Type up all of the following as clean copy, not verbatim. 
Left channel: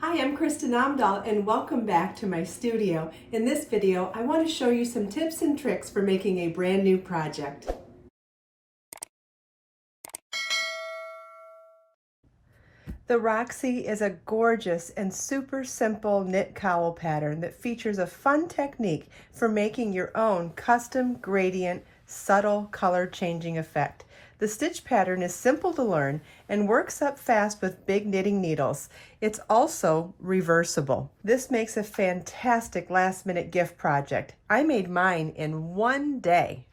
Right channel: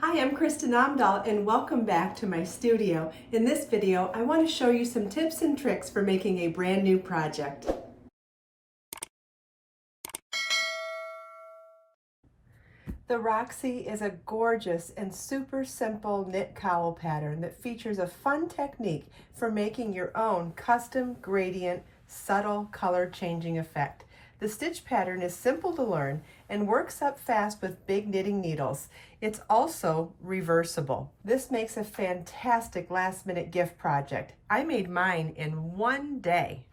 Hi, I'm Kristen Amdahl and welcome back to my studio. In this video, I want to show you some tips and tricks for making a brand new project. The Roxy is a gorgeous and super simple knit cowl pattern that features a fun technique for making your own custom gradient subtle color changing effect. The stitch pattern is simple to learn and works up fast with big knitting needles. It's also reversible. This makes a fantastic last-minute gift project. I made mine in one day.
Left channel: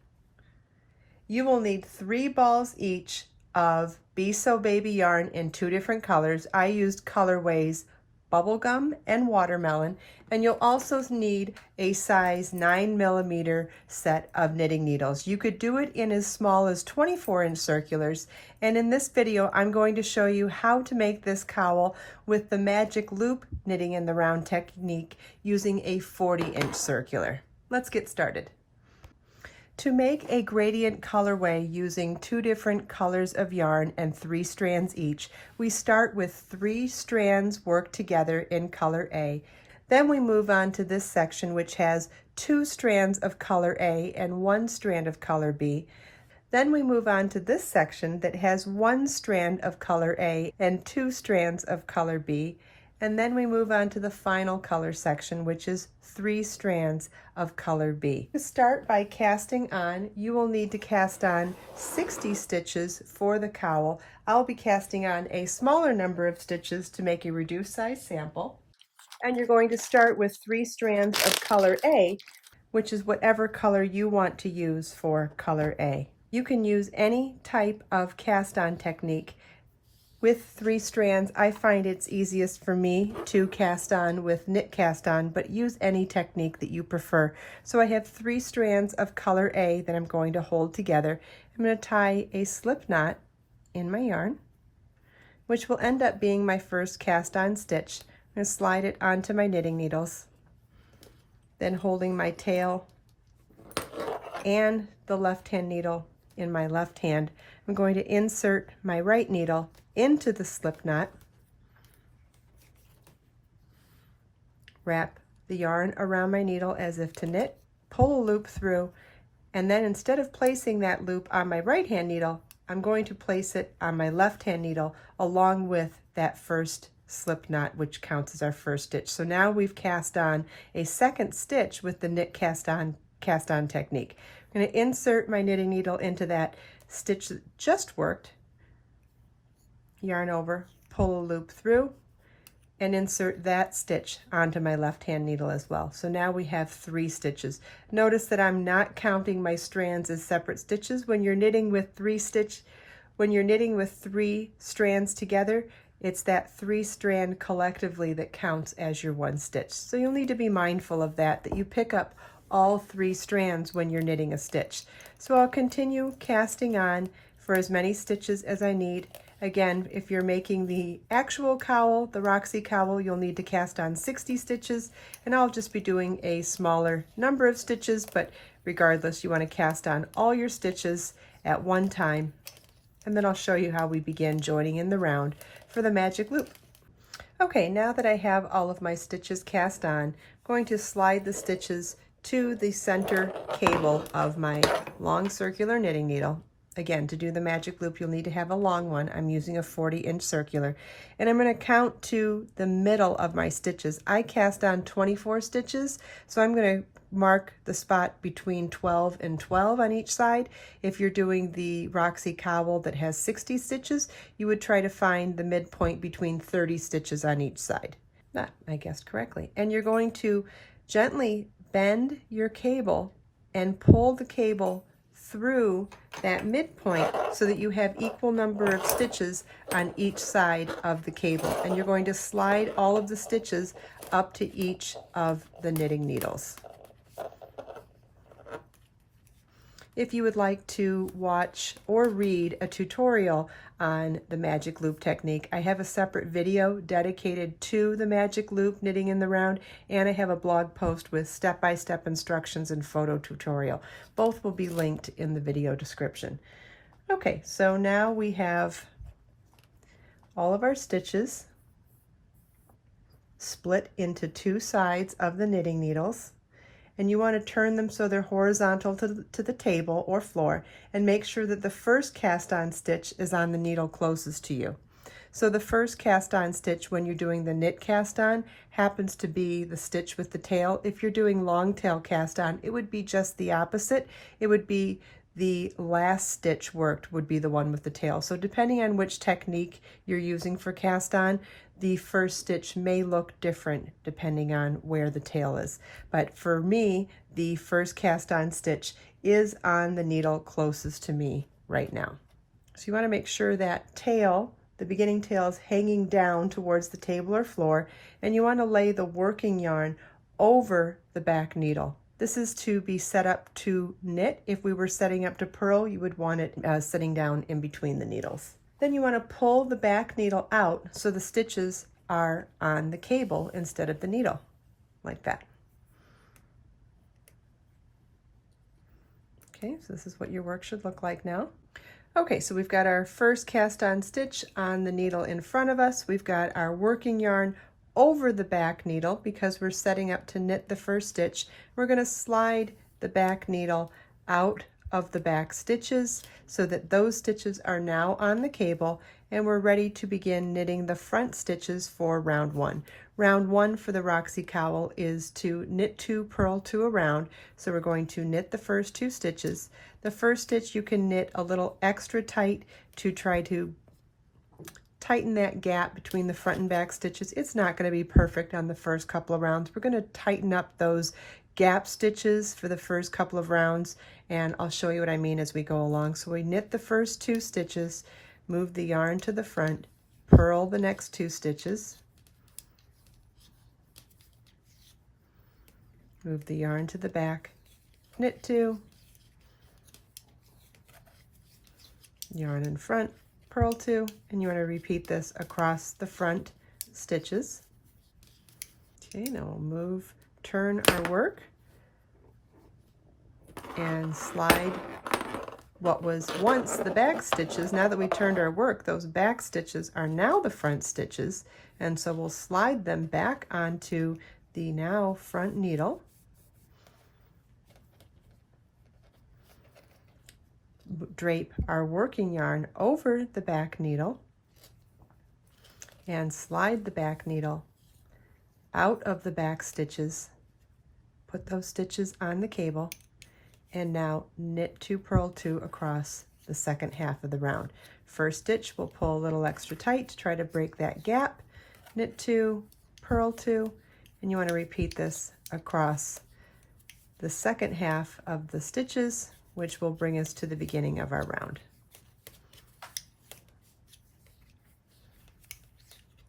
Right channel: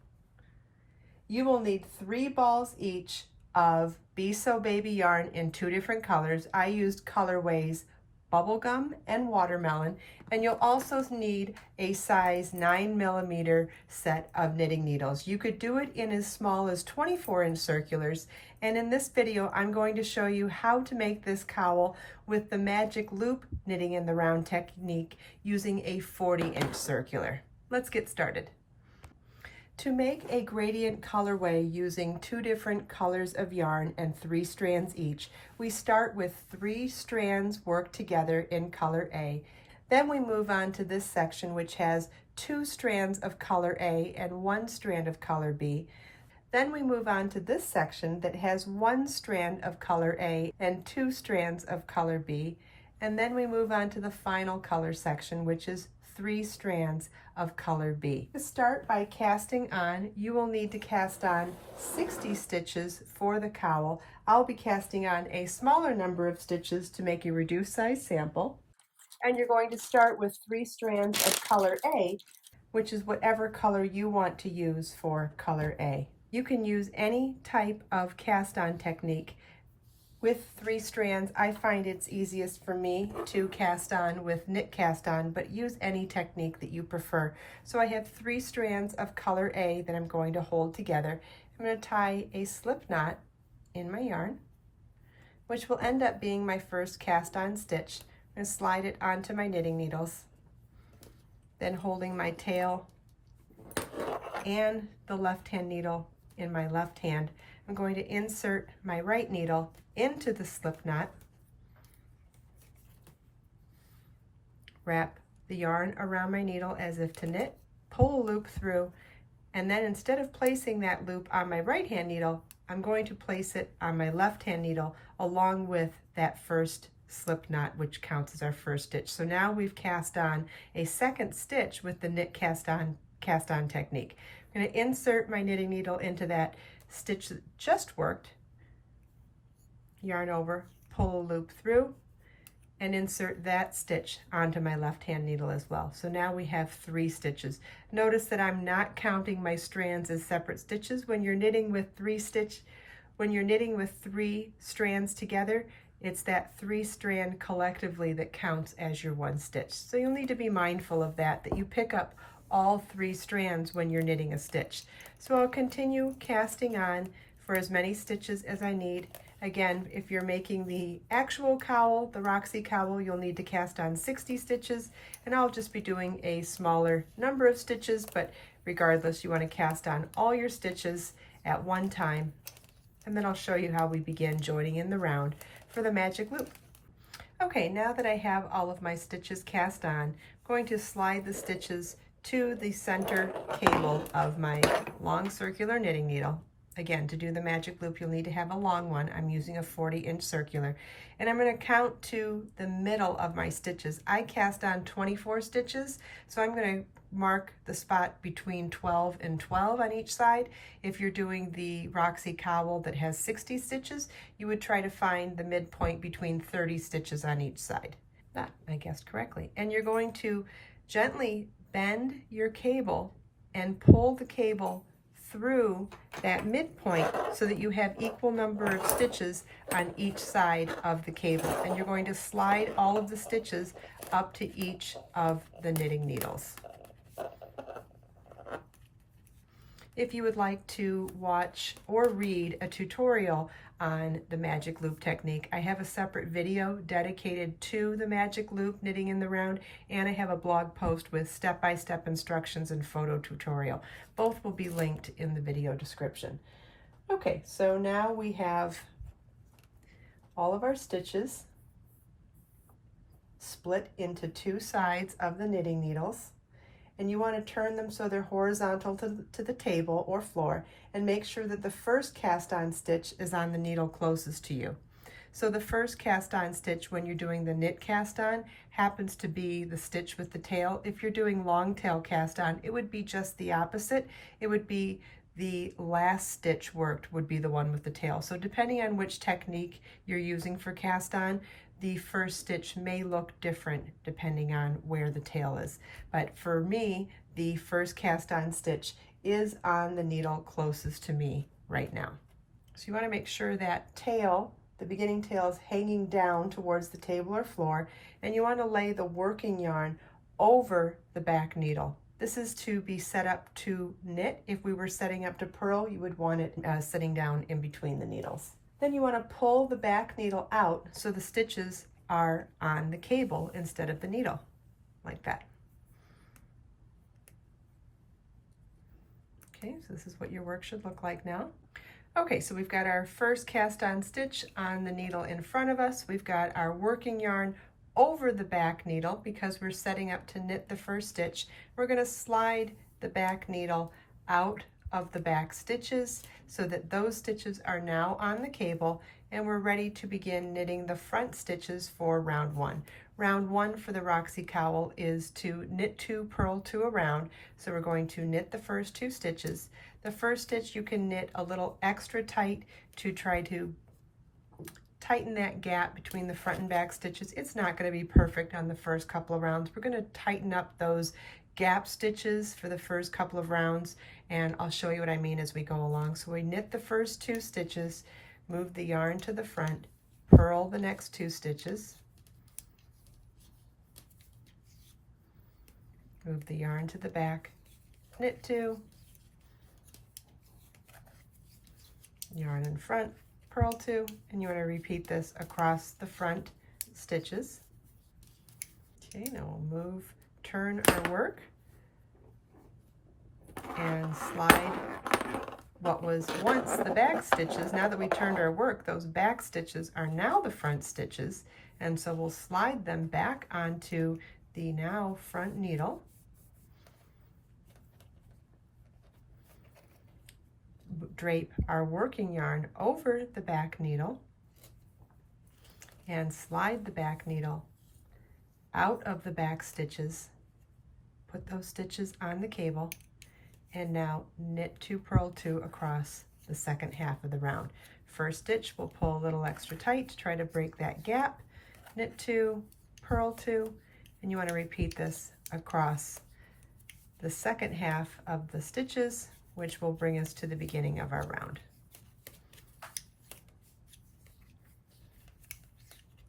You will need 3 balls each of Be So Baby yarn in 2 different colors. I used colorways Bubblegum and Watermelon, and you'll also need a size 9mm set of knitting needles. You could do it in as small as 24-inch circulars, and in this video I'm going to show you how to make this cowl with the magic loop knitting in the round technique using a 40-inch circular. Let's get started. To make a gradient colorway using 2 different colors of yarn and 3 strands each, we start with 3 strands worked together in color A. Then we move on to this section which has 2 strands of color A and 1 strand of color B. Then we move on to this section that has 1 strand of color A and 2 strands of color B. And then we move on to the final color section, which is 3 strands of color B. To start by casting on, you will need to cast on 60 stitches for the cowl. I'll be casting on a smaller number of stitches to make a reduced size sample. And you're going to start with 3 strands of color A, which is whatever color you want to use for color A. You can use any type of cast on technique. With 3 strands, I find it's easiest for me to cast on with knit cast on, but use any technique that you prefer. So I have 3 strands of color A that I'm going to hold together. I'm going to tie a slip knot in my yarn, which will end up being my first cast on stitch. I'm going to slide it onto my knitting needles, then holding my tail and the left hand needle in my left hand, I'm going to insert my right needle into the slip knot, wrap the yarn around my needle as if to knit, pull a loop through, and then instead of placing that loop on my right hand needle, I'm going to place it on my left hand needle along with that first slip knot, which counts as our first stitch. So now we've cast on a second stitch with the knit cast on technique. I'm going to insert my knitting needle into that stitch that just worked, yarn over, pull a loop through, and insert that stitch onto my left hand needle as well. So now we have 3 stitches. Notice that I'm not counting my strands as separate stitches. When you're knitting with 3 strands together, it's that 3 strand collectively that counts as your 1 stitch. So you'll need to be mindful of that you pick up all 3 strands when you're knitting a stitch. So I'll continue casting on for as many stitches as I need. Again, if you're making the actual cowl, the Roxy cowl, you'll need to cast on 60 stitches, and I'll just be doing a smaller number of stitches, but regardless, you want to cast on all your stitches at one time, and then I'll show you how we begin joining in the round for the magic loop. Okay, now that I have all of my stitches cast on, I'm going to slide the stitches to the center cable of my long circular knitting needle. Again, to do the magic loop, you'll need to have a long one. I'm using a 40-inch circular, and I'm going to count to the middle of my stitches. I cast on 24 stitches, so I'm going to mark the spot between 12 and 12 on each side. If you're doing the Roxy cowl that has 60 stitches, you would try to find the midpoint between 30 stitches on each side. That, I guessed correctly. And you're going to gently bend your cable and pull the cable through that midpoint so that you have equal number of stitches on each side of the cable. And you're going to slide all of the stitches up to each of the knitting needles. If you would like to watch or read a tutorial on the magic loop technique, I have a separate video dedicated to the magic loop knitting in the round, and I have a blog post with step-by-step instructions and photo tutorial. Both will be linked in the video description. Okay, so now we have all of our stitches split into two sides of the knitting needles, and you want to turn them so they're horizontal to the table or floor, and make sure that the first cast on stitch is on the needle closest to you. So the first cast on stitch when you're doing the knit cast on happens to be the stitch with the tail. If you're doing long tail cast on, it would be just the opposite. It would be the last stitch worked would be the one with the tail. So depending on which technique you're using for cast on, the first stitch may look different depending on where the tail is. But for me, the first cast on stitch is on the needle closest to me right now. So you want to make sure that tail, the beginning tail, is hanging down towards the table or floor, and you want to lay the working yarn over the back needle. This is to be set up to knit. If we were setting up to purl, you would want it sitting down in between the needles. Then you want to pull the back needle out so the stitches are on the cable instead of the needle, like that. Okay, so this is what your work should look like now. Okay, so we've got our first cast on stitch on the needle in front of us. We've got our working yarn over the back needle because we're setting up to knit the first stitch. We're going to slide the back needle out of the back stitches so that those stitches are now on the cable, and we're ready to begin knitting the front stitches for round one. Round one for the Roxy Cowl is to knit 2, purl 2 around. So we're going to knit the first 2 stitches. The first stitch you can knit a little extra tight to try to tighten that gap between the front and back stitches. It's not going to be perfect on the first couple of rounds. We're going to tighten up those gap stitches for the first couple of rounds, and I'll show you what I mean as we go along. So we knit the first 2 stitches, move the yarn to the front, purl the next 2 stitches, move the yarn to the back, knit 2, yarn in front, purl 2, and you want to repeat this across the front stitches. Okay, now we'll move, turn our work, and slide what was once the back stitches. Now that we turned our work, those back stitches are now the front stitches, and so we'll slide them back onto the now front needle. Drape our working yarn over the back needle and slide the back needle out of the back stitches. Put those stitches on the cable, and now knit 2, purl 2 across the second half of the round. First stitch, we'll pull a little extra tight to try to break that gap, knit 2, purl 2, and you want to repeat this across the second half of the stitches, which will bring us to the beginning of our round.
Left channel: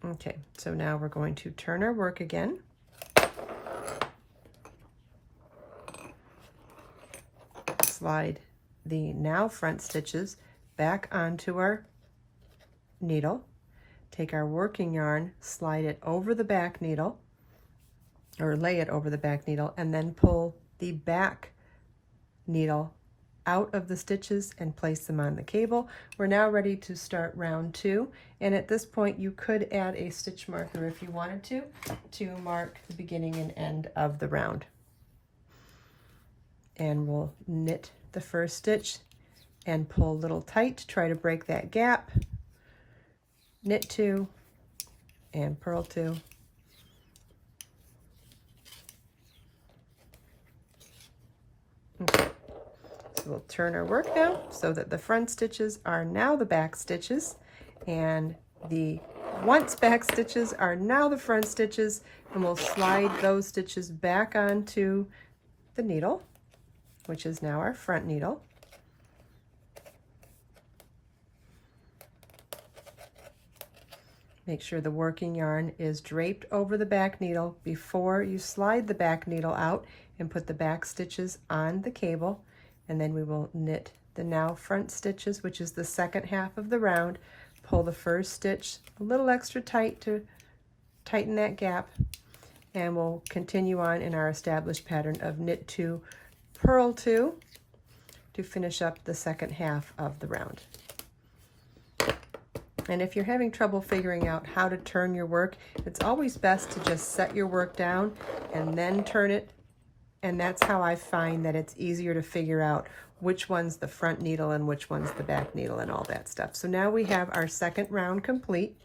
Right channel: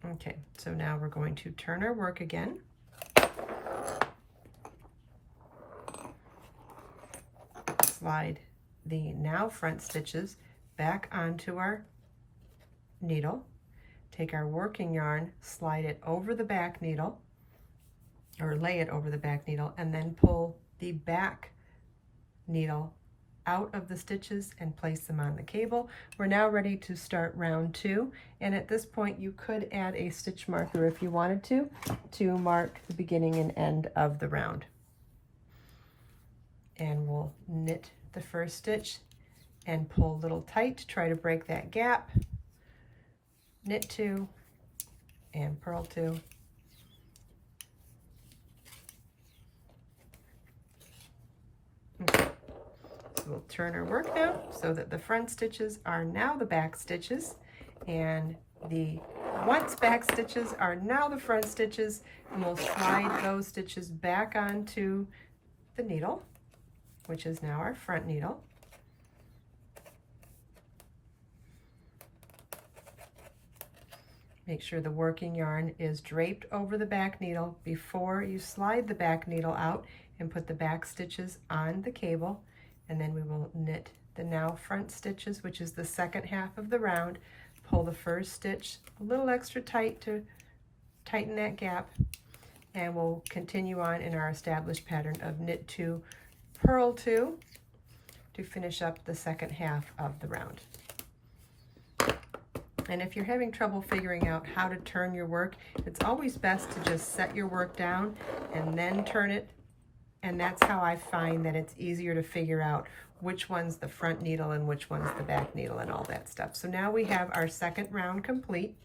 Okay, so now we're going to turn our work again. Slide the now front stitches back onto our needle. Take our working yarn, slide it over the back needle, or lay it over the back needle, and then pull the back needle out of the stitches and place them on the cable. We're now ready to start round 2, and at this point you could add a stitch marker if you wanted to mark the beginning and end of the round. And we'll knit the first stitch and pull a little tight to try to break that gap, knit 2 and purl 2. Okay. We'll turn our work now so that the front stitches are now the back stitches, and the once back stitches are now the front stitches, and we'll slide those stitches back onto the needle, which is now our front needle. Make sure the working yarn is draped over the back needle before you slide the back needle out, and put the back stitches on the cable. And then we will knit the now front stitches, which is the second half of the round. Pull the first stitch a little extra tight to tighten that gap, and we'll continue on in our established pattern of knit 2, purl 2 to finish up the second half of the round. And if you're having trouble figuring out how to turn your work, it's always best to just set your work down and then turn it. And that's how I find that it's easier to figure out which one's the front needle and which one's the back needle and all that stuff. So now we have our second round complete.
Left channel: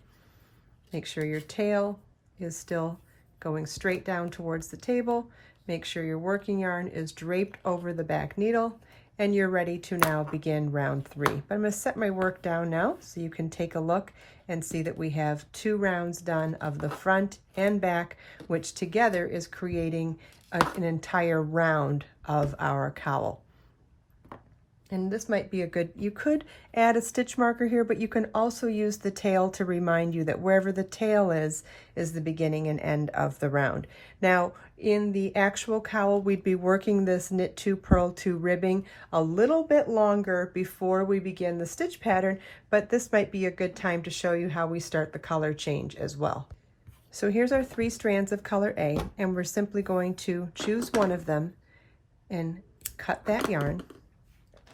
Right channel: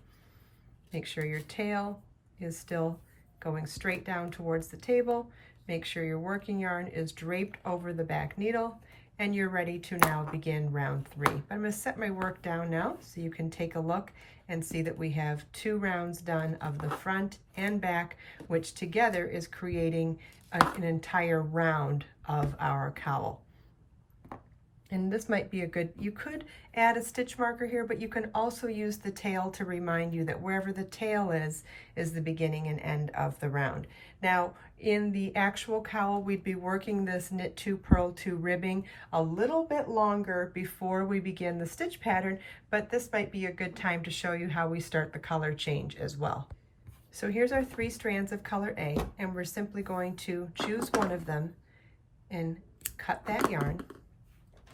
Make sure your tail is still going straight down towards the table. Make sure your working yarn is draped over the back needle, and you're ready to now begin round 3. But I'm going to set my work down now so you can take a look and see that we have 2 rounds done of the front and back, which together is creating an entire round of our cowl. And this might be a good, you could add a stitch marker here, but you can also use the tail to remind you that wherever the tail is the beginning and end of the round. Now, in the actual cowl, we'd be working this knit 2, purl 2 ribbing a little bit longer before we begin the stitch pattern, but this might be a good time to show you how we start the color change as well. So here's our 3 strands of color A, and we're simply going to choose one of them and cut that yarn,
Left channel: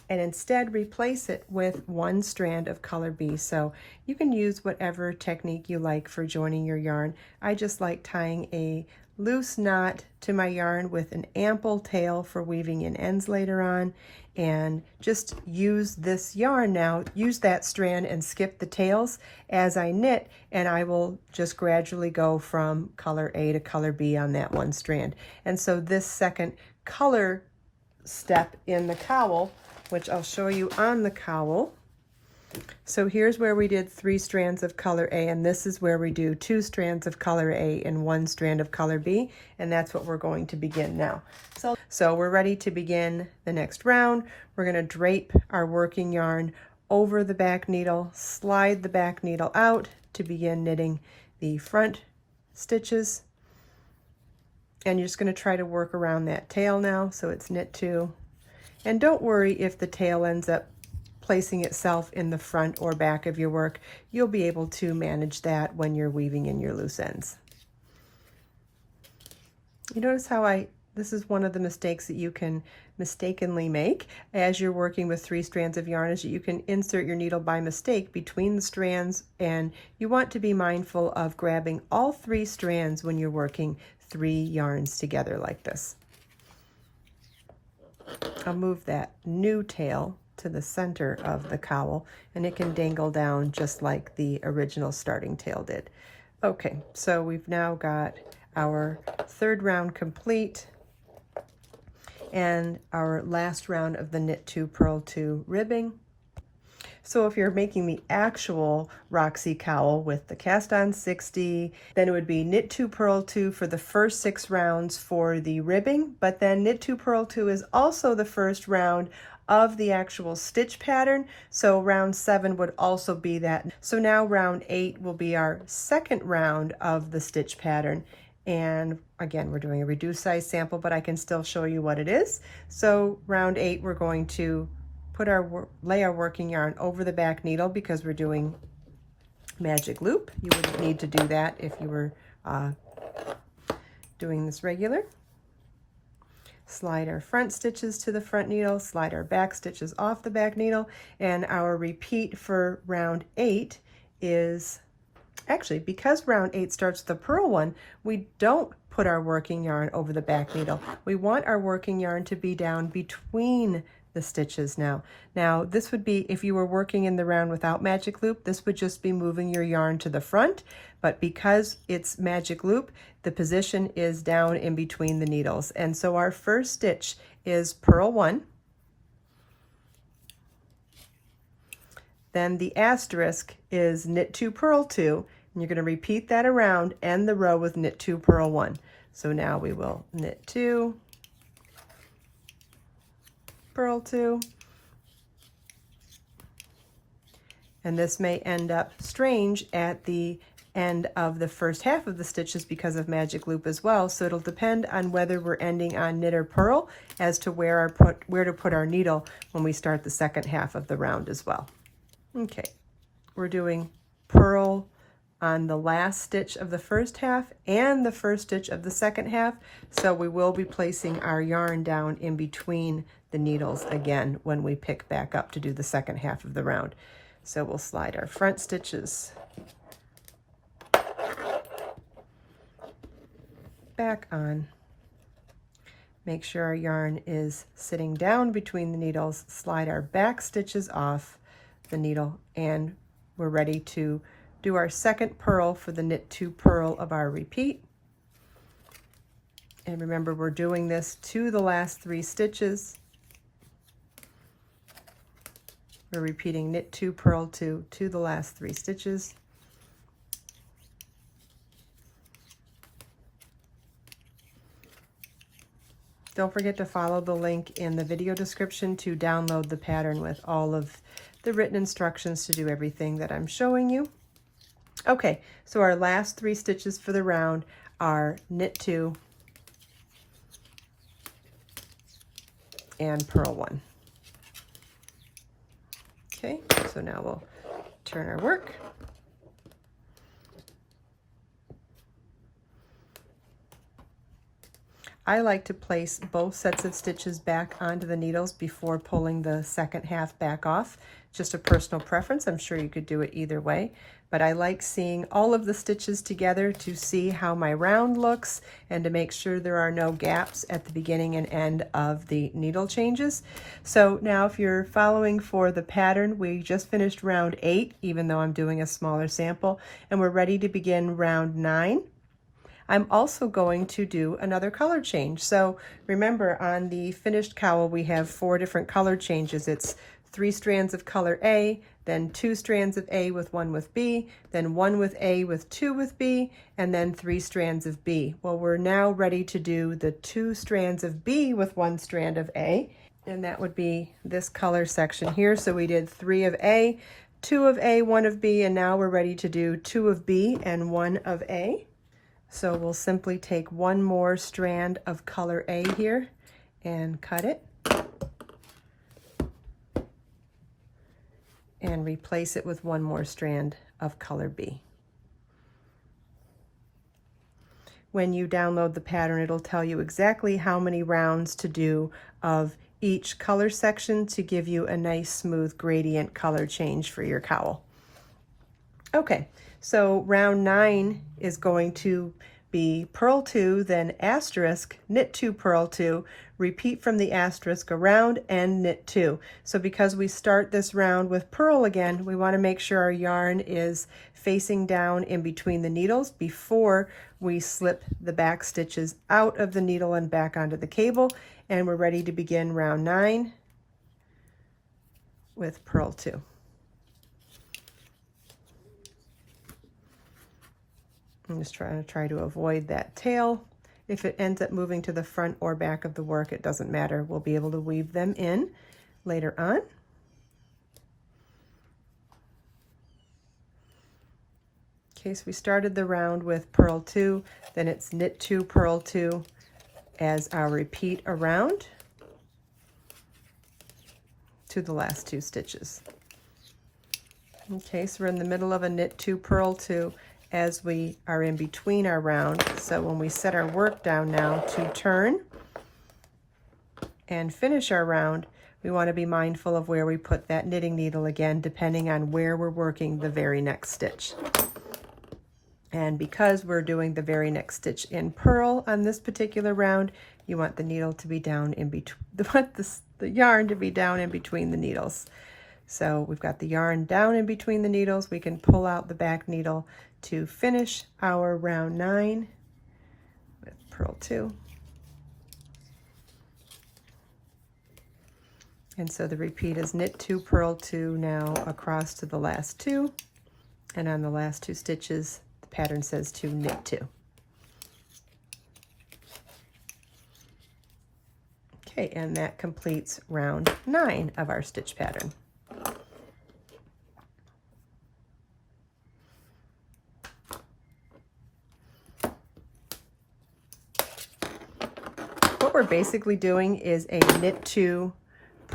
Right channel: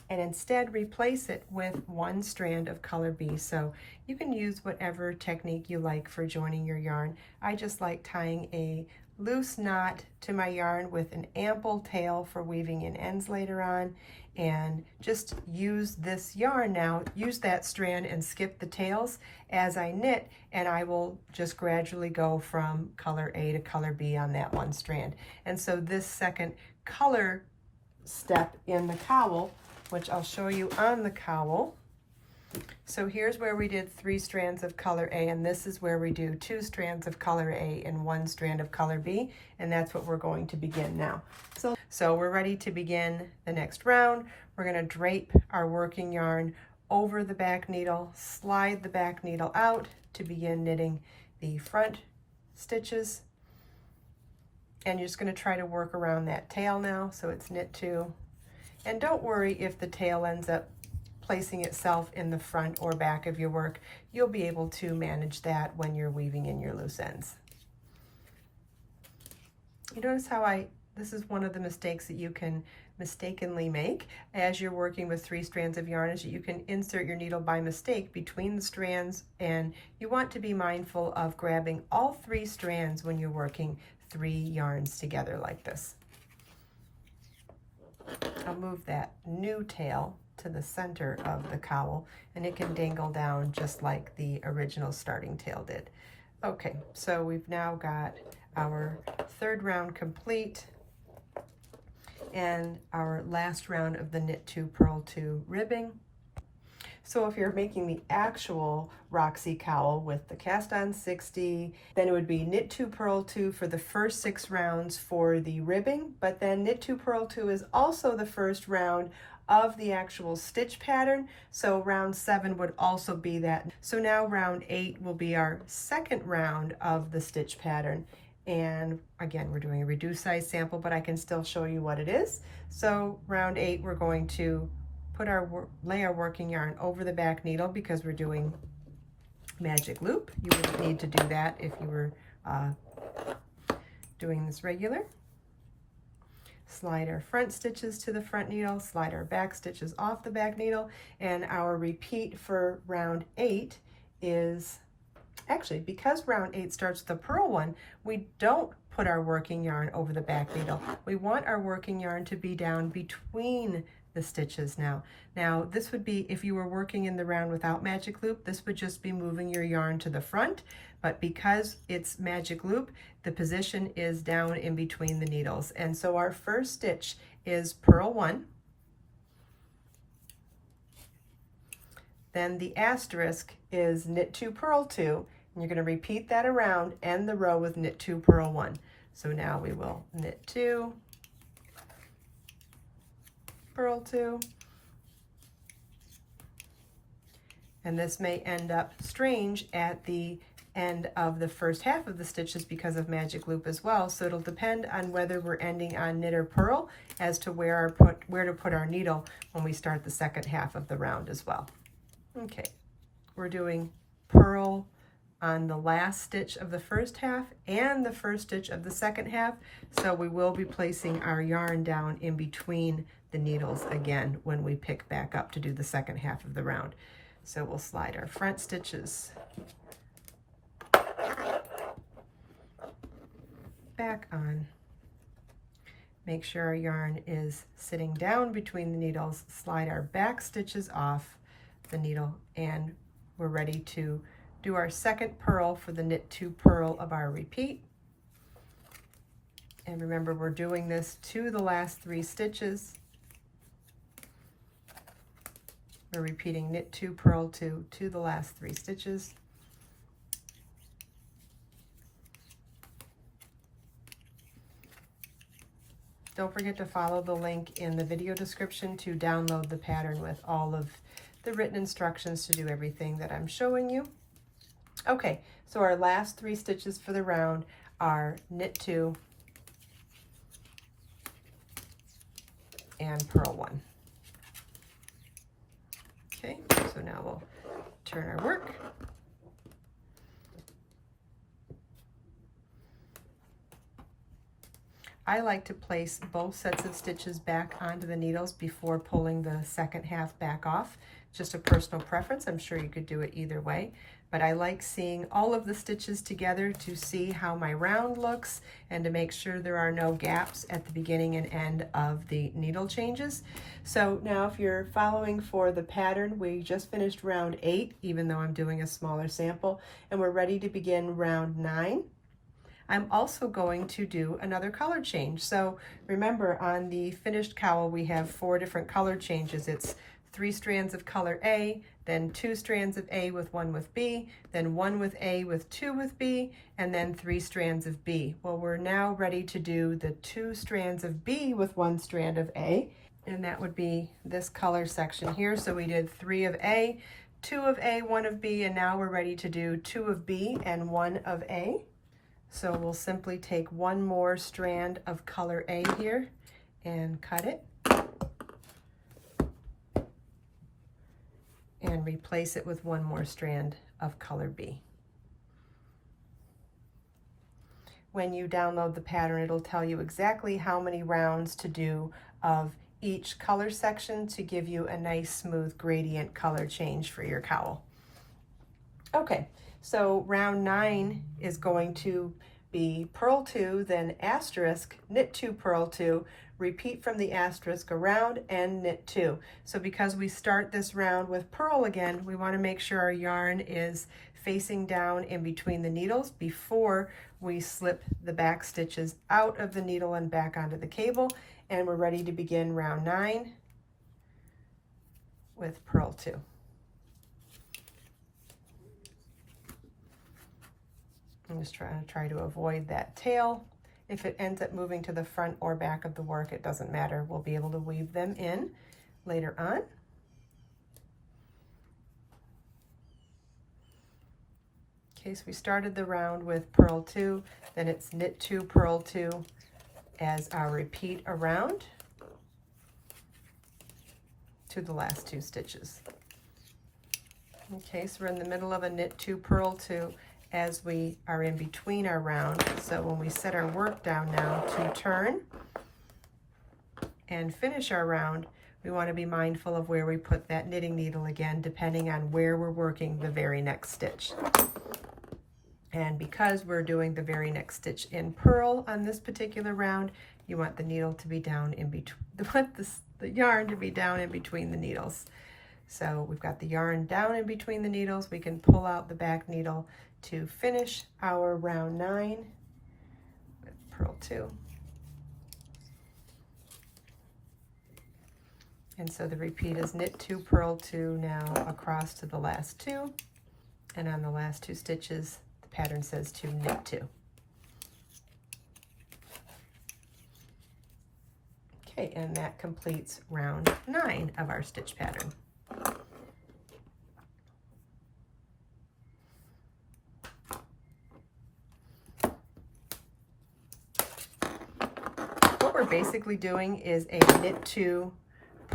and instead replace it with 1 strand of color B. So you can use whatever technique you like for joining your yarn. I just like tying a loose knot to my yarn with an ample tail for weaving in ends later on, and just use this yarn now, use that strand and skip the tails as I knit, and I will just gradually go from color A to color B on that 1 strand. And so this second color step in the cowl, which I'll show you on the cowl. So here's where we did 3 strands of color A, and this is where we do 2 strands of color A and 1 strand of color B, and that's what we're going to begin now. So we're ready to begin the next round. We're going to drape our working yarn over the back needle, slide the back needle out to begin knitting the front stitches, and you're just going to try to work around that tail now. So it's knit 2, and don't worry if the tail ends up placing itself in the front or back of your work. You'll be able to manage that when you're weaving in your loose ends. You notice how this is one of the mistakes that you can mistakenly make as you're working with 3 strands of yarn, is that you can insert your needle by mistake between the strands, and you want to be mindful of grabbing all 3 strands when you're working 3 yarns together like this. I'll move that new tail to the center of the cowl, and it can dangle down just like the original starting tail did. Okay, so we've now got our 3rd round complete and our last round of the knit 2, purl 2 ribbing. So if you're making the actual Roxy cowl with the cast on 60, then it would be knit 2, purl 2 for the first 6 rounds for the ribbing, but then knit 2, purl 2 is also the first round of the actual stitch pattern, so round 7 would also be that. So now round 8 will be our 2nd round of the stitch pattern, and again we're doing a reduced size sample, but I can still show you what it is. So round 8, we're going to lay our working yarn over the back needle because we're doing magic loop. You wouldn't need to do that if you were doing this regular. Slide our front stitches to the front needle, slide our back stitches off the back needle, and our repeat for round 8 is, actually, because round 8 starts the purl one, we don't put our working yarn over the back needle. We want our working yarn to be down between the stitches now. Now this would be, if you were working in the round without magic loop, this would just be moving your yarn to the front, but because it's magic loop, the position is down in between the needles. And so our first stitch is purl 1, then the asterisk is knit 2, purl 2, and you're going to repeat that around, end the row with knit 2, purl 1. So now we will knit 2, purl 2, and this may end up strange at the end of the first half of the stitches because of magic loop as well, so it'll depend on whether we're ending on knit or purl as to where to put our needle when we start the second half of the round as well. Okay, we're doing purl on the last stitch of the first half and the first stitch of the second half, so we will be placing our yarn down in between the needles again when we pick back up to do the second half of the round. So we'll slide our front stitches back on. Make sure our yarn is sitting down between the needles, slide our back stitches off the needle, and we're ready to do our second purl for the knit 2 purl of our repeat. And remember, we're doing this to the last 3 stitches. We're repeating knit 2 purl 2 to the last 3 stitches. Don't forget to follow the link in the video description to download the pattern with all of the written instructions to do everything that I'm showing you. Okay, so our last 3 stitches for the round are knit 2 and purl 1. Okay, so now we'll turn our work. I like to place both sets of stitches back onto the needles before pulling the second half back off. Just a personal preference. I'm sure you could do it either way, but I like seeing all of the stitches together to see how my round looks and to make sure there are no gaps at the beginning and end of the needle changes. So now if you're following for the pattern, we just finished round 8, even though I'm doing a smaller sample, and we're ready to begin round 9. I'm also going to do another color change. So remember, on the finished cowl, we have 4 different color changes. It's 3 strands of color A, then 2 strands of A with 1 with B, then 1 with A with 2 with B, and then 3 strands of B. Well, we're now ready to do the 2 strands of B with 1 strand of A, and that would be this color section here. So we did 3 of A, 2 of A, 1 of B, and now we're ready to do 2 of B and 1 of A. So we'll simply take 1 more strand of color A here and cut it and replace it with 1 more strand of color B. When you download the pattern, it'll tell you exactly how many rounds to do of each color section to give you a nice smooth gradient color change for your cowl. Okay, so round 9 is going to be purl 2, then asterisk, knit 2, purl 2, repeat from the asterisk around, and knit 2. So because we start this round with purl again, we want to make sure our yarn is facing down in between the needles before we slip the back stitches out of the needle and back onto the cable, and we're ready to begin round 9 with purl 2. I'm just try to avoid that tail. If it ends up moving to the front or back of the work, it doesn't matter. We'll be able to weave them in later on. Okay, so we started the round with purl 2, then it's knit 2, purl 2 as our repeat around to the last 2 stitches. Okay, so we're in the middle of a knit 2, purl 2 as we are in between our round. So when we set our work down now to turn and finish our round, we want to be mindful of where we put that knitting needle again, depending on where we're working the very next stitch. And because we're doing the very next stitch in purl on this particular round, you want the needle to be down in between, the yarn to be down in between the needles. So we've got the yarn down in between the needles. We can pull out the back needle to finish our round 9 with purl 2. And so the repeat is knit 2, purl 2 now across to the last 2. And on the last 2 stitches, the pattern says to knit 2. Okay, and that completes round 9 of our stitch pattern. What we're basically doing is a knit 2,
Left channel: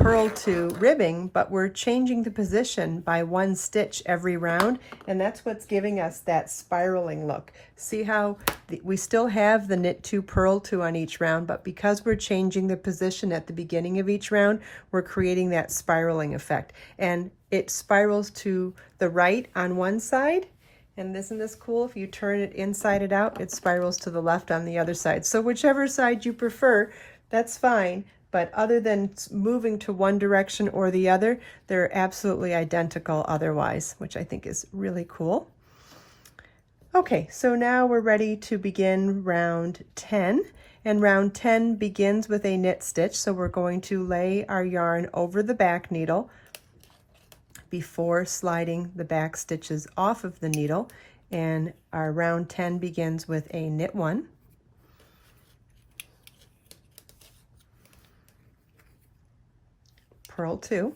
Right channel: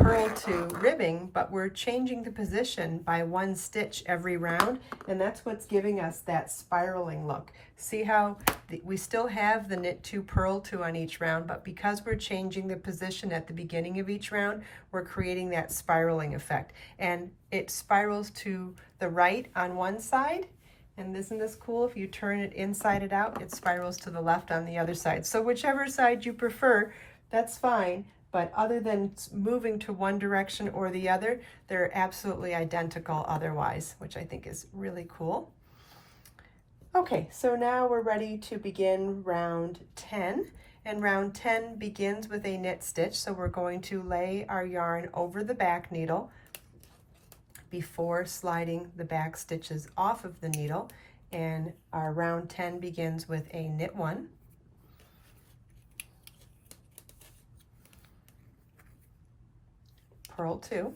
purl to ribbing, but we're changing the position by 1 stitch every round, and that's what's giving us that spiraling look. See how we still have the knit 2, purl 2 on each round, but because we're changing the position at the beginning of each round, we're creating that spiraling effect. And it spirals to the right on one side, and isn't this cool? If you turn it inside out, it spirals to the left on the other side. So whichever side you prefer, that's fine. But other than moving to one direction or the other, they're absolutely identical otherwise, which I think is really cool. Okay, so now we're ready to begin round 10. And round 10 begins with a knit stitch. So we're going to lay our yarn over the back needle before sliding the back stitches off of the needle. And our round 10 begins with a knit 1. Purl 2,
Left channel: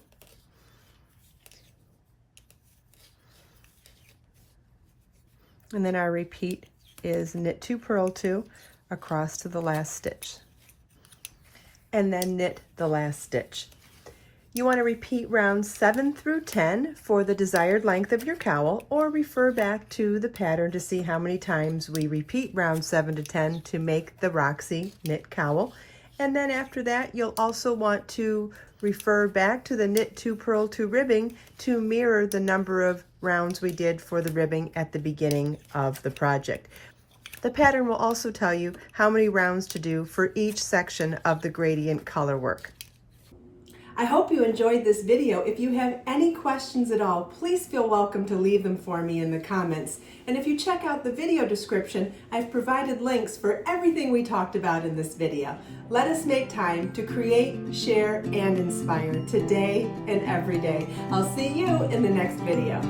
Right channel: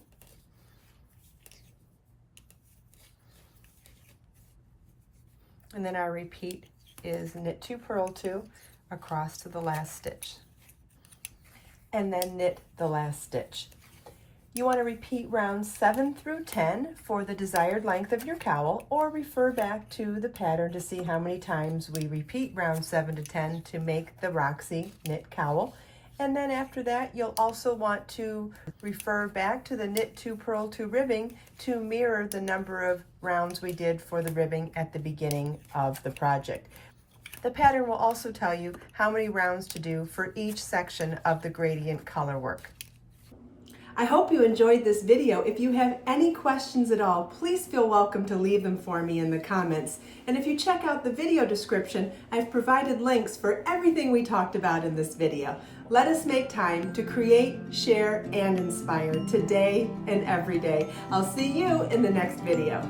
and then our repeat is knit 2, purl 2 across to the last stitch, and then knit the last stitch. You want to repeat rounds 7 through 10 for the desired length of your cowl, or refer back to the pattern to see how many times we repeat rounds 7 to 10 to make the Roxy knit cowl. And then after that, you'll also want to refer back to the knit 2, purl 2 ribbing to mirror the number of rounds we did for the ribbing at the beginning of the project. The pattern will also tell you how many rounds to do for each section of the gradient color work. I hope you enjoyed this video. If you have any questions at all, please feel welcome to leave them for me in the comments. And if you check out the video description, I've provided links for everything we talked about in this video. Let us make time to create, share, and inspire today and every day. I'll see you in the next video.